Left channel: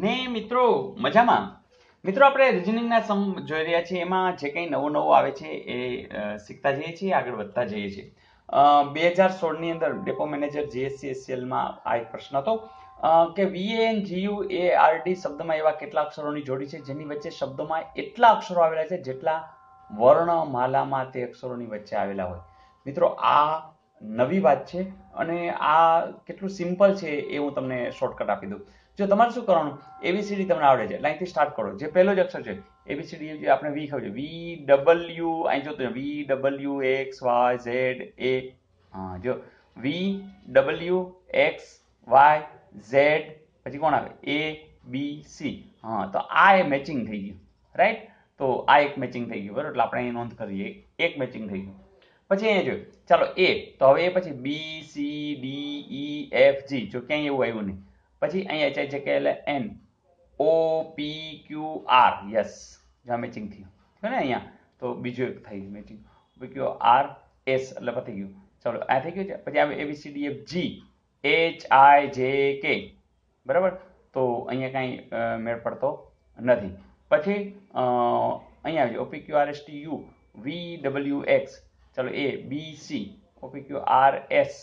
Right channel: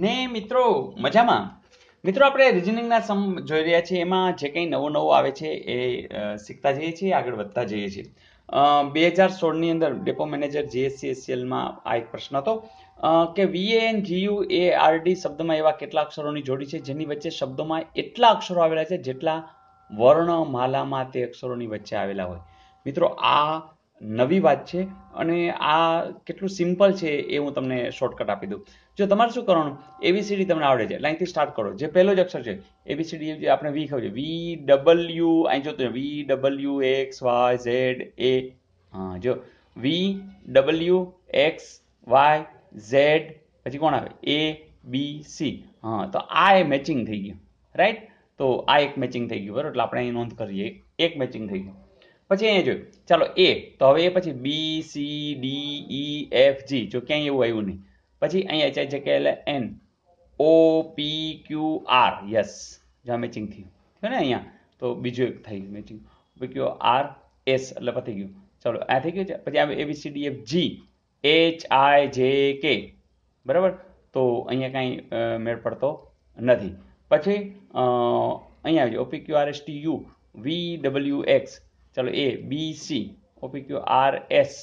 ને મિત્રો મજામાં. મિત્રો આપણે રિઝનિંગના સમ જોઈ રહ્યા છીએ, એમાં જે કંઈ નવું નવું આવે છે એ શીખતા જઈએ છીએ, આગળ વધતા જઈએ છીએ. 2016ની અંદર ડેપો મેનેજર જીએસસીએસસીએલમાં આ એક પ્રશ્ન હતો કે VANGUARD શબ્દમાં એવા કેટલા અક્ષરોની જોડી છે જેની વચ્ચે શબ્દોમાં એટલા અક્ષરો આવેલા છે જેટલા વર્ણમાલામાં તે અક્ષરોની વચ્ચે આવેલા હોય. મિત્રો આ નવી વાત છે અને આ કેટલું સિમ્પલ છે એ હું તમને શોર્ટકટ આપી દઉં. જો તમારે શું કરવાનું, એબીસીડી તમને આવડે છે, લાઈનથી સ્ટાર્ટ કરો. જે પહેલો જ અક્ષર છે એબીસીડી, જે આપણે વી ખબર છે, VW, અહીં જોતું VWXYZ A. હા, જો VWXYZ, પછી કોણ આવે, ABC. હા, તો આ એ મેચિંગ થઈ ગયું, રાઈટ. તો આ એક મેચિંગ થઈ ગયું, બરાબર. એટલે આપણે અહીં નોંધ કરીએ, એક મેચિંગ થઈ ગયું. પછી અહીંયા જોયું, ચાલો એ, તો હવે એ પછી BCDEFG, જો ક્યાંય એવું આવ્યું નહીં. પછી અહીંયા છે કે N OPQR, યસ, જ્યાં મેચિંગ થયું છે ને અહીંયા, તો બીજું એક થઈ મેચિંગ OPQR S, એટલે પતી ગયું. ચાલો આ થઈ ગયું છે. પછી આવે ABCDFG HIJK, બરાબર. તો અહીંયા કાંઈ મેળ પડતો નથી. પછી અહીંયા આવજો OPQRSTU VWX, ચાલો A BC OPQRS,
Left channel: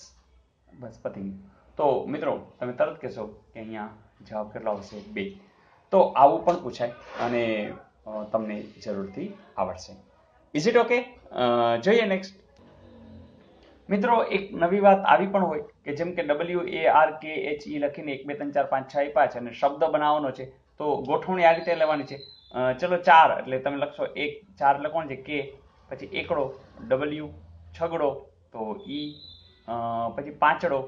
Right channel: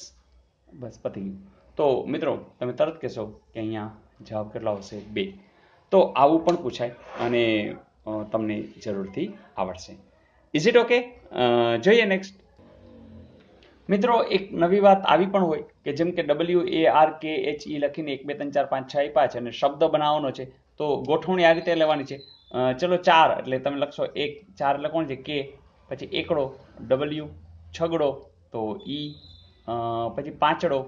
બસ પતી ગયું. તો મિત્રો તમે તરત કહેશો કે અહીંયા જવાબ કેટલો આવશે, 2. તો આવું પણ પૂછાય અને તમને જરૂરથી આવડશે. Is it okay? જોઈએ નેક્સ્ટ. મિત્રો એક નવી વાત આવી પણ હોય કે જેમ કે WARKHE લખીને 1 2 3 4 5 6 આપ્યા છે અને શબ્દ બનાવવાનો છે, તો ગોઠવણી આ રીતે લેવાની છે. ચલો 4 એટલે તમે લખશો 1, 4 એટલે કોણ છે, K, પછી એકડો W, છગડો તો E, પછી પાંચડો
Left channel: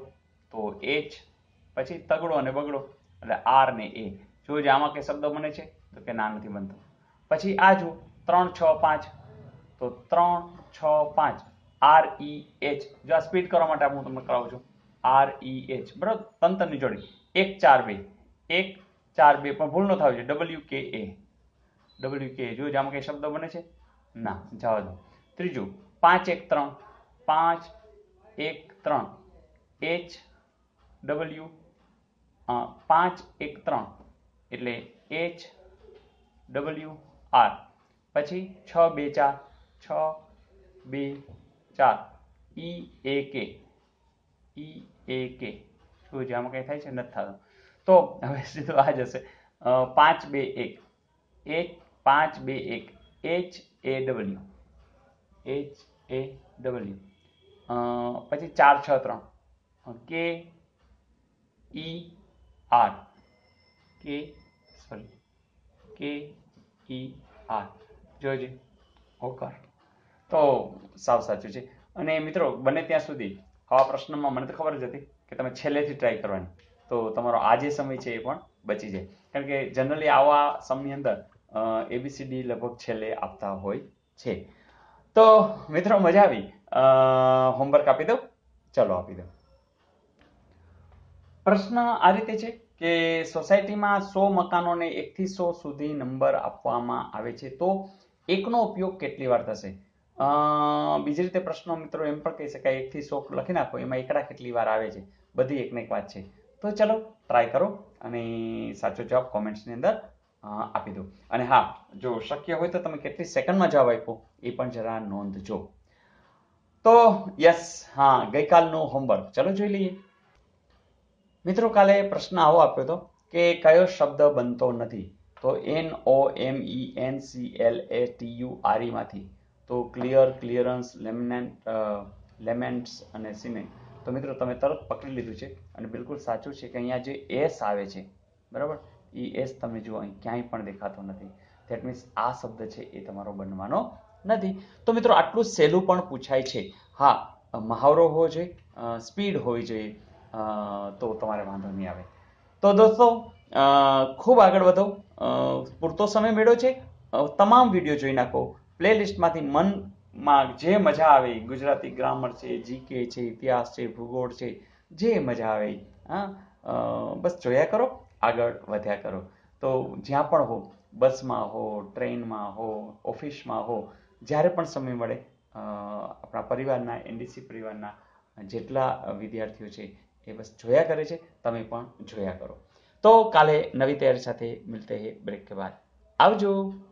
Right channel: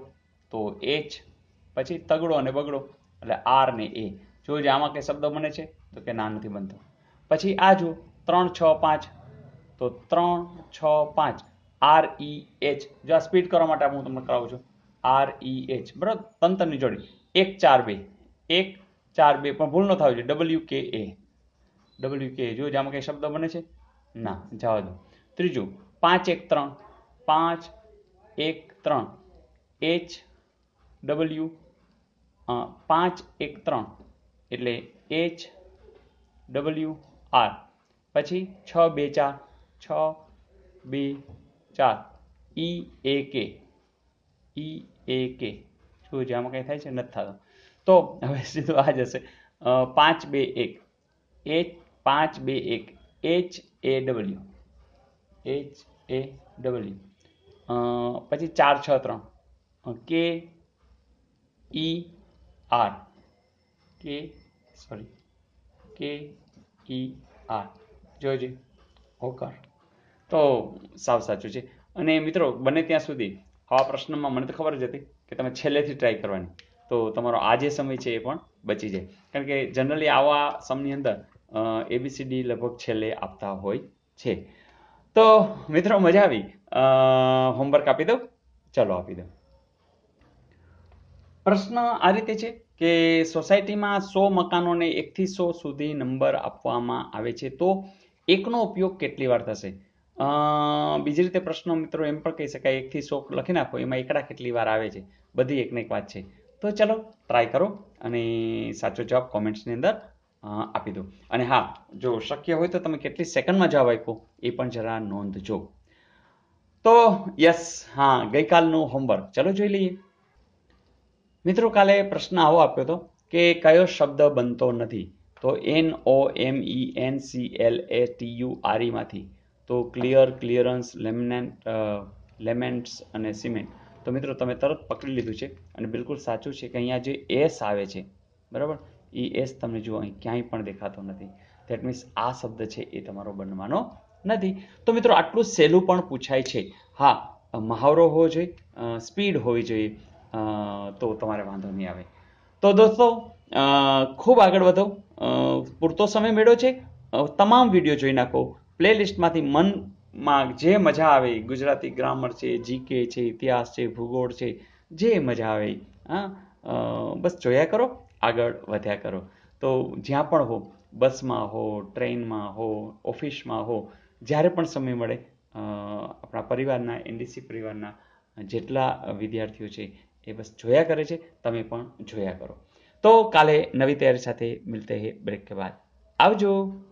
તો H, પછી તગડો અને બગડો એટલે R ને A. જોજો આમાં કઈ શબ્દ બને છે તો કે ના, નથી બનતો. પછી આ જો 3 6 5, તો 3 6 5 REH. જો આ સ્પીડ કરવા માટે હું તમને કરાવું છું, REH, બરાબર. તંતરની જોડી 1 4 2, 1 4 2, પણ ભૂલ ન થાય છે WKA. જો આમાં કઈ શબ્દ બને છે, ના, જવા દો. ત્રીજું 5 1 3, 5 1 3 HW, 5 1 3 એટલે HWR. પછી 6 2 4, 6 2 4 EAK. શું છે આમાં કઈ થાય છે, નથી થતું. તો હવે સીધું આ જ હશે, 5 2 1 5 2 1 HAW. પછી 4 6 3 KER, જોઈજે, હોકર. તો સાવ સાચું છે. અને મિત્રો બને ત્યાં સુધી આવા પ્રશ્નમાં મને તો ખબર જ હતી કે તમે છેલ્લેથી ટ્રાય કરવાની, તો તમારો આ જે સમય છે એ પણ બચી જાય. કારણ કે જનરલી આવા સમની અંદર એબીસીડી લગભગ છેલ્લે આપતા હોય છે. તો મિત્રો મજા આવી, હોમવર્ક આપી દઉં, ચલો આપી દઉં. પ્રશ્ન આ રીતે છે કે સોસાયટીમાં 100 મકાનોને 1 થી 100 સુધી નંબર આપવામાં આવે છે, તો એકનો ઉપયોગ કેટલી વાર થશે? બીજી રીતે પ્રશ્નો મિત્રો એમ પણ કહી શકાય, 1 થી 100 લખી નાખો, એમાં એકડા કેટલી વાર આવે છે, બધી એકને એક વાત છે. તો ચલો ટ્રાય કરો અને સાચો જવાબ કોમેન્ટ્સની અંદર આપી દો. અને હા, જો શક્ય હોય તો તમે કેટલી સેકન્ડમાં જવાબ આપ્યો એ પણ જરા નોંધજો. તો યસ, હા, ગઈકાલનું હોમવર્ક ચલો જોઈ લઈએ. મિત્રો કાલે પ્રશ્ન આવો આપ્યો હતો કે કયો શબ્દ બનતો નથી, તો NOMENCLATURE માંથી, તો ક્લિયર, ક્લિયરન્સ, લેમેન્ટ્સ અને સિમેન્ટ. તો મિત્રો તમે તરત પકડી લીધું છે અને બિલકુલ સાચું છે કે અહીંયા જે એસ આવે છે, બરાબર, એ એસ તમને જુઓ અહીં ક્યાંય પણ દેખાતો નથી. ધેટ મીન્સ આ શબ્દ છે એ તમારો બનવાનો નથી. તો મિત્રો આટલું સહેલું પણ પૂછાય છે. હા, મહાવરો હોવો જોઈએ, સ્પીડ હોવી જોઈએ, તો તમારે વાંધો નહીં આવે. તો દોસ્તો ખૂબ આગળ વધો, પૂરતો સમય મેળવ્યો છે, તમામ વિડીયો જોઈ નાખો. પ્લેલિસ્ટમાંથી મનમાં જે મજા આવે, ગુજરાતી ગ્રામર છે, જીકે છે, ઇતિહાસ છે, ભૂગોળ છે, જે મજા આવે, હા, બસ જોયા કરો, આગળ વધ્યા કરો. તો જ્યાં પણ હો, બસમાં હો, ટ્રેનમાં હો, ઓફિસમાં હો, જ્યારે પણ સમય મળે, આપણા પરિવારના, એનડીસી પરિવારના જેટલા વિદ્યાર્થીઓ છે એ બસ જોયા કરે છે, તમે પણ જોયા કરો. तो काले नवी तैयारी साथे मिलते हैं ब्रेक के बाद। आवजो।